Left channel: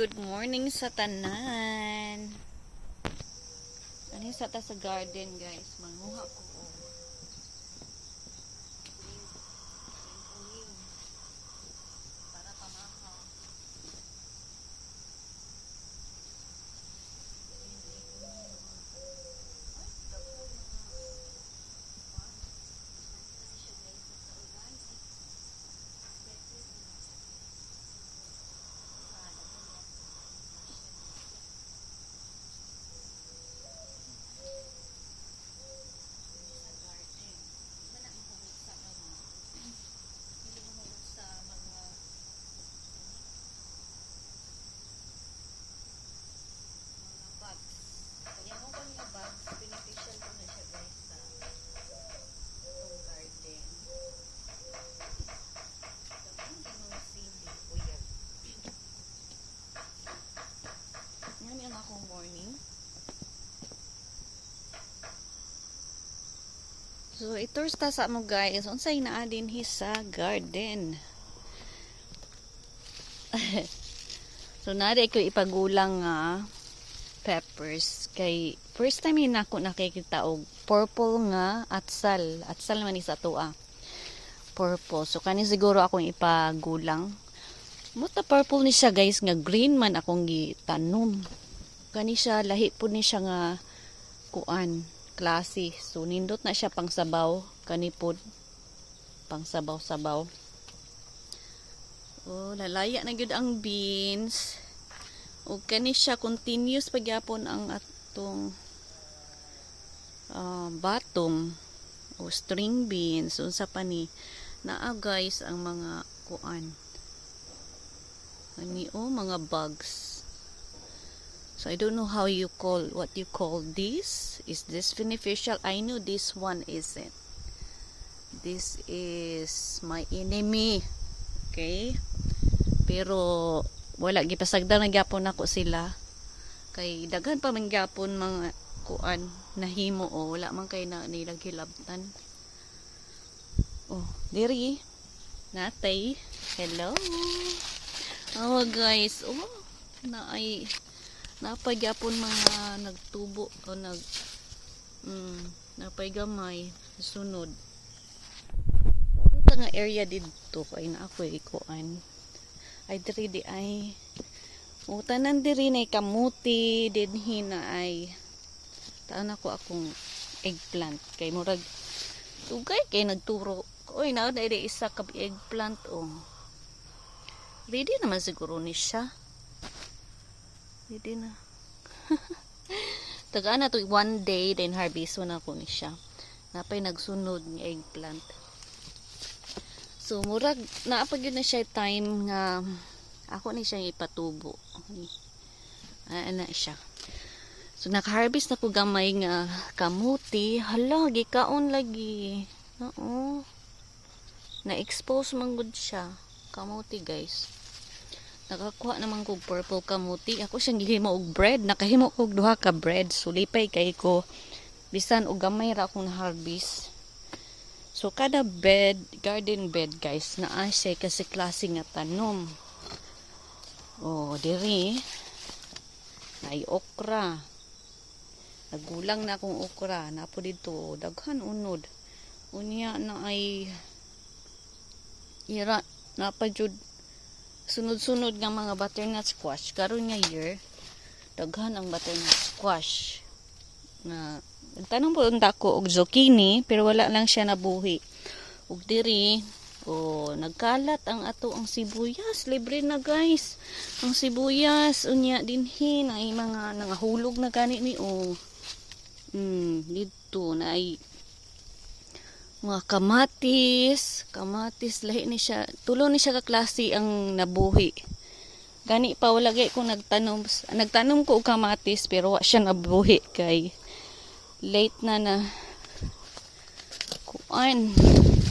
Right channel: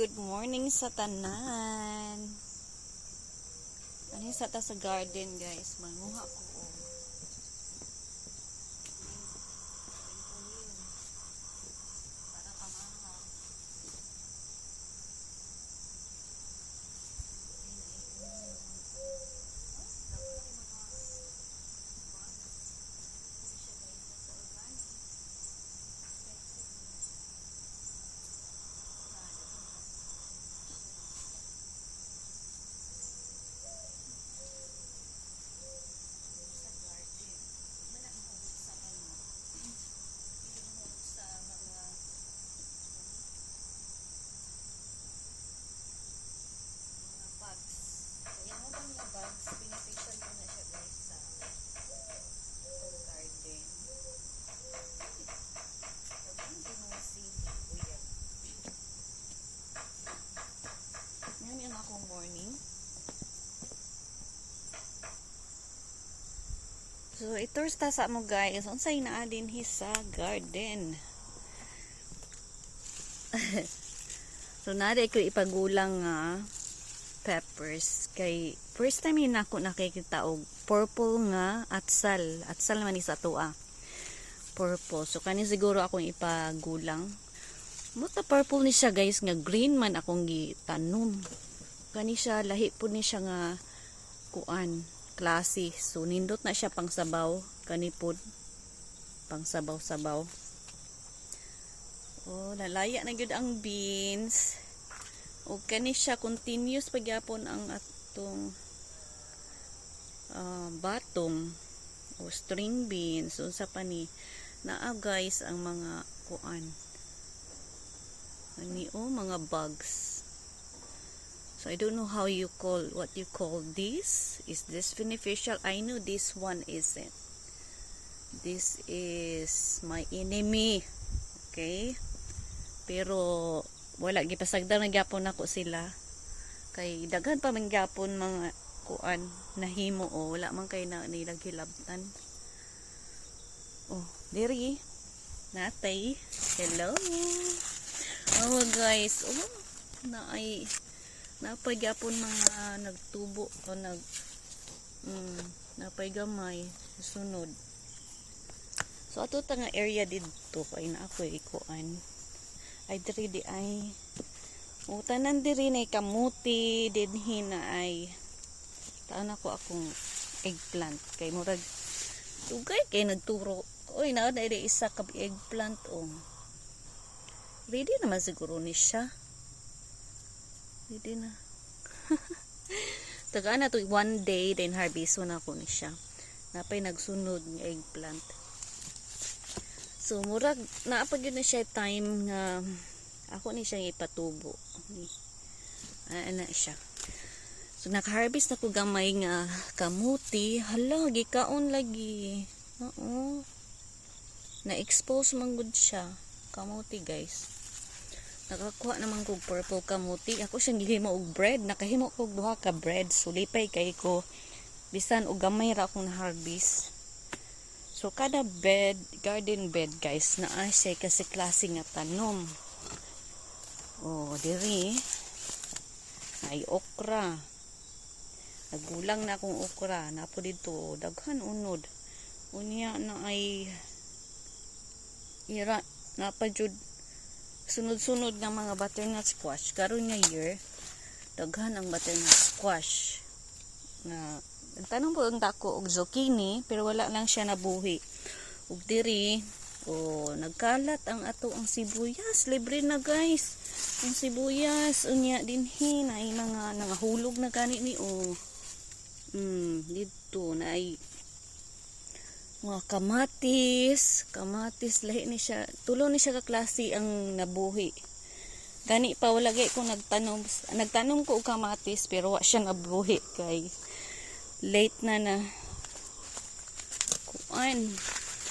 good morning sa tanan. Ano sa ta sa garden, guys? Manguha ko. Para pamahaw. Pinipicture ko na siya, guys, sa itong garden. Tapos yung sili ko yan. Yan akong morning. So, itours ta sa mo, guys. Unsay naa din sa garden. So, nari ko ipagulang nga peppers kay first time yun ako nakikita og purple nga atsal man is ato purple, so kani siguro akong ipagulang muta purple ni siya, guys, nga green man akong gitanom. Kani siya lahi po ni siya nga kuan klase, so nindot na siya pang sabaw, kani pod pang sabaw. Oh, lalaya na gyud ang beans. O kani siya continuous pagyapon ang atong bottom o string beans. Unsa pa ni naa, guys, ang mga kuan ani mga bugs. So I don't know what you call this. Is this beneficial? I know this one isn't. This is my enemy. Okay, pero wala gipasagdan na gyapon nako sila kay daghan pa man gyapon mga kuan nahimo o wala man kay na nilang hilabtan. Oh, diri natay. Hello. Oh, guys, napay gyapon mga nagtubo o napay gamay sunod. So ato ta nga area didto kay na ako ikuan ay diri di ay utanan diri na kamuti dinhi na ay taon ako akong eggplant kay murag tugay kay nagturo oy na dai isa ka eggplant ready naman siguro ni siya, ready na. Tagaan na to one day then harvest na ako ni siya, napay nagsunod ng eggplant. So murag naapag yun na siya time nga ako ni siya ipatubo. Ana siya. So naka-harvest na ko gamay nga kamuti. Hala, gikaon lagi. Oo. Na-expose man gud siya. Kamuti, guys. Nakakuha naman ko purple kamuti. Ako siyang gihimo og bread. Nakahimo ko og duha ka bread. So lipay kay ko. Bisan og gamay ra akong na-harvest. So, kada bed, garden bed, guys, naa siya kasi klase nga tanom. Oh, diri. Ay, okra. Nagulang na akong okra. Napo dito, daghan unod. Unya na ay ira, napadyod sunod-sunod nga mga butternut squash. Karon nga year, daghan ang butternut squash. Na tanong po ang dako og zucchini pero wala lang siya nabuhi. Ug diri nagkalat ang ato ang sibuyas, libre na, guys. Ang sibuyas unya dinhi na ay mga nangahulog na gani ni dito na ay mga kamatis lahi ni siya, tulo ni siya ka klase ang nabuhi. Gani pa wala gyud ko nagtanom ko og kamatis pero wa siya nabuhi kay late na kuan.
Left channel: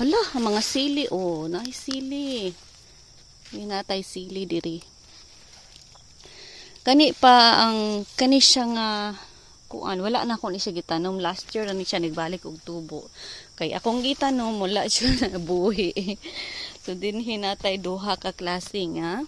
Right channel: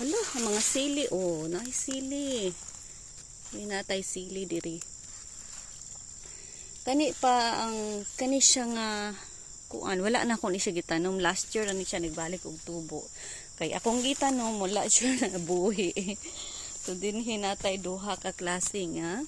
Hala, mga sili naay sili. Natay sili diri. Kani siya nga kuan, wala na ako ni siya gitanom last year ni siya nagbalik og tubo. Kay akong gitanom wala siya nabuhi. So dinhi natay duha ka klase nga